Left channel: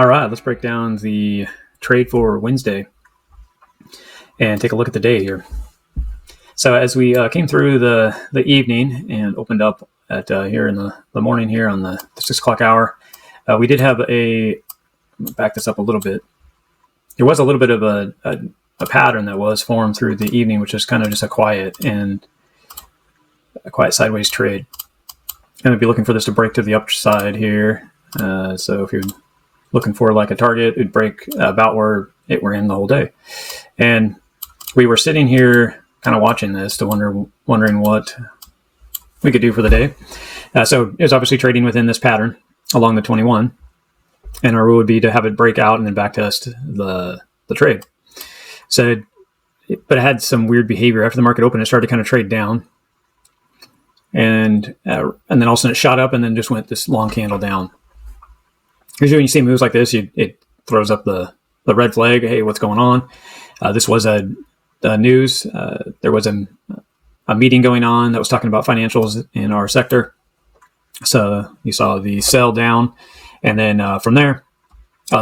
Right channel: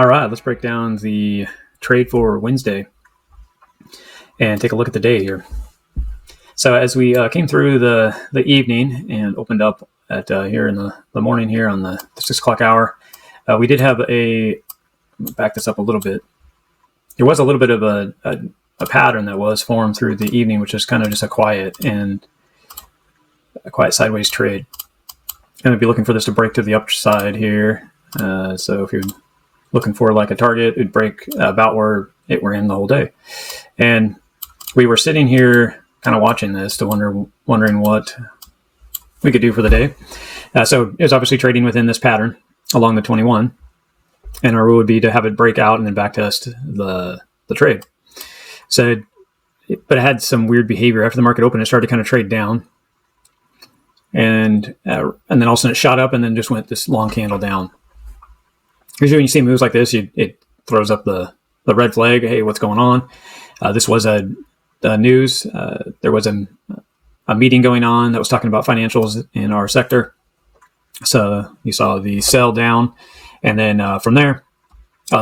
All right, let's break down the trade for Wednesday and take a look at the day here. So as we came through the evening and opened up at here in the morning here on the 6 o'clock hour, we did have back this up a little bit. There was a little bit of a pattern that was formed through the evening, which was kind of just a quiet sideways trade. And we'll be looking for this to break to the upside here. So if you're looking for like a target, it'd break about where we're in the whole day. And we were sitting here kind of watching this to wondering what we could do for the day. So it was obviously trading within this pattern along the 21. And our rule would be to have it break out and then back test the trade. So, but it had some weird behavior. After the market opened, it started to kind of trade down. And then all of a sudden it shot up and then just went this long candle down. Usually when you see moves like this, it throws up the red flag. Hey, what's going on? This was a news. There was a meeting going on that was talking about financials in our sector. So you saw the sell down. And then from there,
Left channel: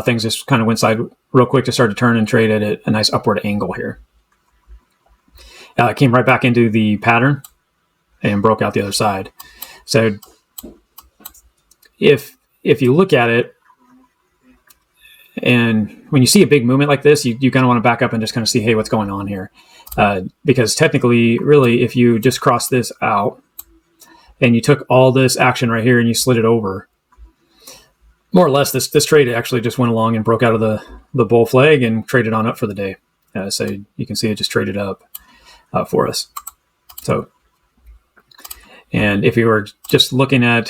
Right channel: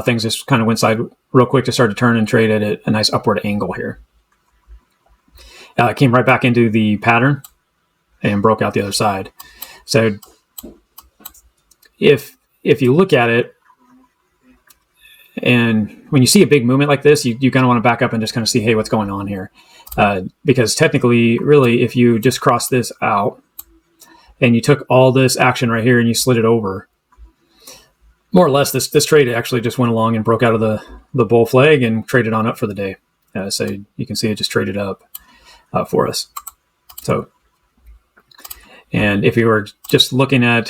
things just kind of went side real quick to start to turn and trade at a nice upward angle here. It came right back into the pattern and broke out the other side. So if you look at it, and when you see a big movement like this, you kind of want to back up and just kind of see, hey, what's going on here? Because technically, really, if you just cross this out and you took all this action right here and you slid it over, more or less, this trade actually just went along and broke out of the bull flag and traded on up for the day. So you can see it just traded up for us. So, and if you were just looking at,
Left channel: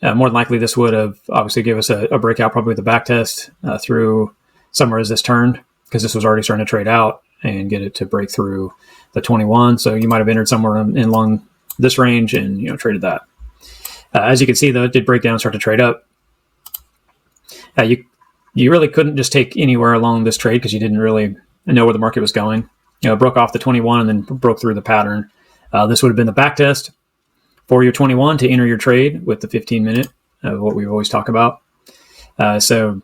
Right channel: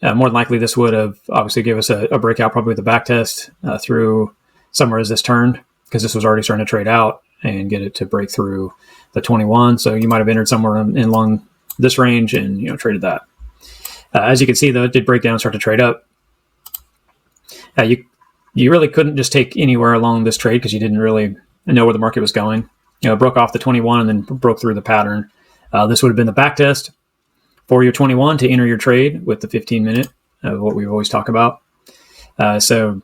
more than likely this would have obviously give us a breakout, probably with a back test through somewhere as this turned, because this was already starting to trade out and get it to break through the 21. So you might have entered somewhere in along this range and traded that. As you can see, though, it did break down and start to trade up. Now, you really couldn't just take anywhere along this trade because you didn't really know where the market was going. It broke off the 21 and then broke through the pattern. This would have been the back test for your 21 to enter your trade with the 15-minute of what we always talk about. So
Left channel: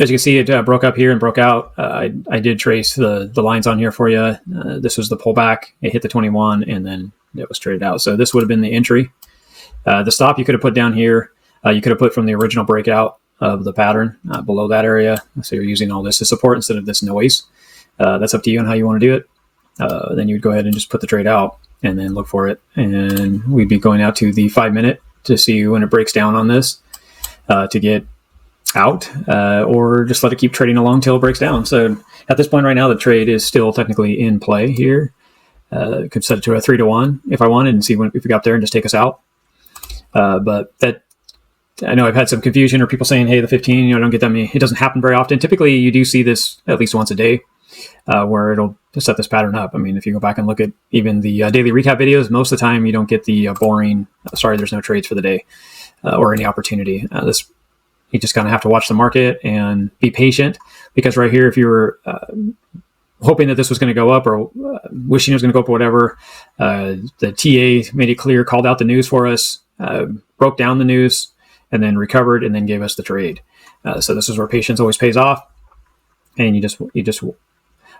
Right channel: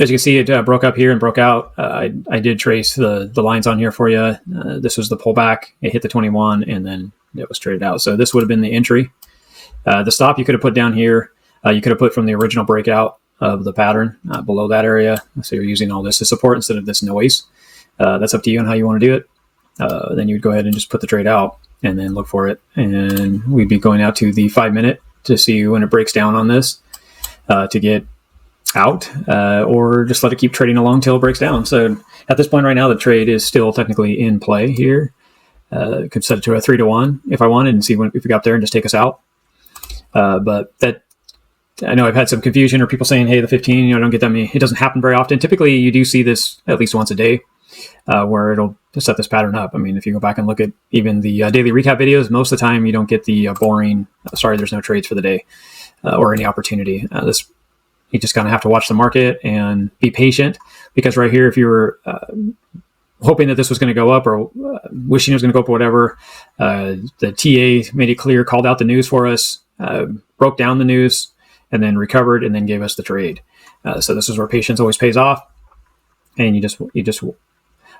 as you can see, it broke up here and broke out. I did trace the lines on here for you. This was the pullback. It hit the 21 and then it was traded out. So this would have been the entry. The stop you could have put down here. You could have put from the original breakout of the pattern below that area. So you're using all this as support instead of this noise. That's up to you on how you want to do it. Then you'd go ahead and just put the trade out and then look for it. And we'd be going out to the 5-minute to see when it breaks down on this to get out or just let it keep trading along till it breaks down. So at this point right now, the trade is still technically in play here. Could set it to a 3-to-1 if I wanted and see if we got there and just take us out. But that, I know I've had some confusion or people saying, hey, the 15, don't get that many. It doesn't happen very often. Typically, you do see this at least once a day where it'll set this pattern up. I mean, if you go back and look at even the daily recap videos, most of the time you don't get the boring, sorry, there's no trades for the day or any opportunity. You just kind of have to watch the market and be patient because right here, if you're hoping that this was going to go up or wishing it was going to go up or whatever, the TA made it clear, called out the news for us, broke down the news, and then recovered and then gave us the trade. So this is where patience always pays off. And you just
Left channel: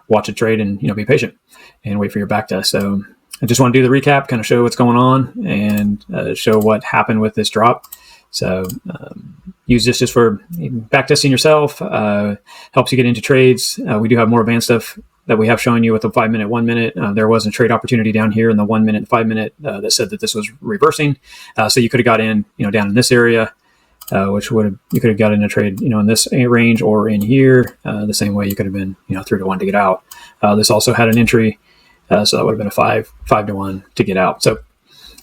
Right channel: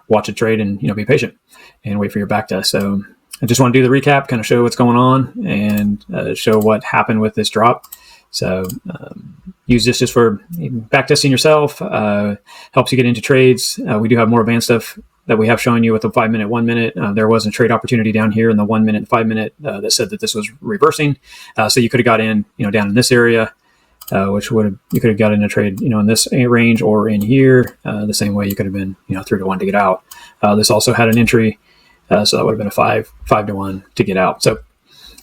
watch a trade and be patient and wait for your back test. So I just want to do the recap, kind of show what's going on and show what happened with this drop. So use this just for back testing yourself. Helps you get into trades. We do have more advanced stuff that we have shown you with the 5-minute, 1 minute. There was a trade opportunity down here in the 1 minute, 5 minute that said that this was reversing. So you could have got in, down in this area, which would have, you could have got in the trade, in this range or in here. The same way you could have been, through the to get out. This also had an entry, so that would have been a 5-to-1 to get out. So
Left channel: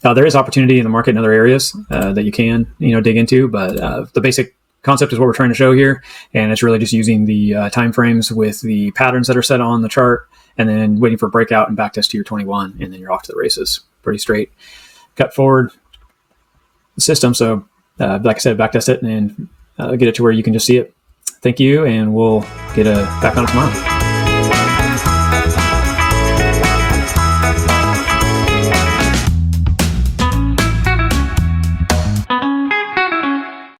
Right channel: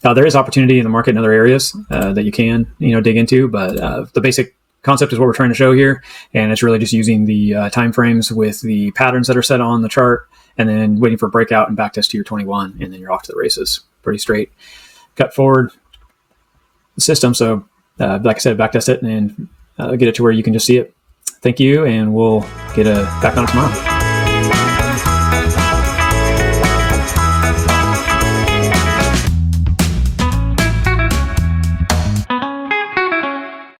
there is opportunity in the market in other areas that you can, dig into, but the basic concept is what we're trying to show here, and it's really just using the time frames with the patterns that are set on the chart, and then waiting for breakout and backtest to your 21, and then you're off to the races. Pretty straight, cut forward system. So, like I said, backtest it and get it to where you can just see it. Thank you, and we'll get back on.